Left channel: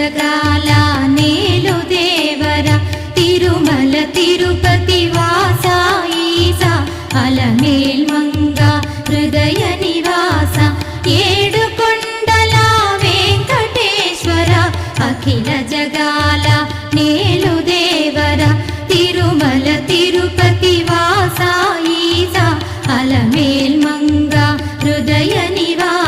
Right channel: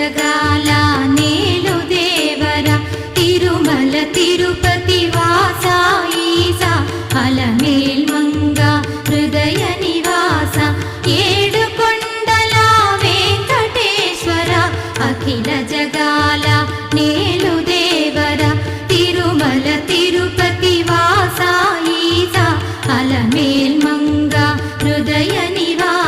జగాల నేలు దేవర తిరుమల తిరుపతి వాస ఈసా అలమేల్ మంగ హృదయ నివాస ఏడు కొండల వెంకటేశ్వర అఖిల జగాల నేలు దేవర తిరుమల తిరుపతి వాస ఈసా అలమేల్ మంగ హృదయ నివాస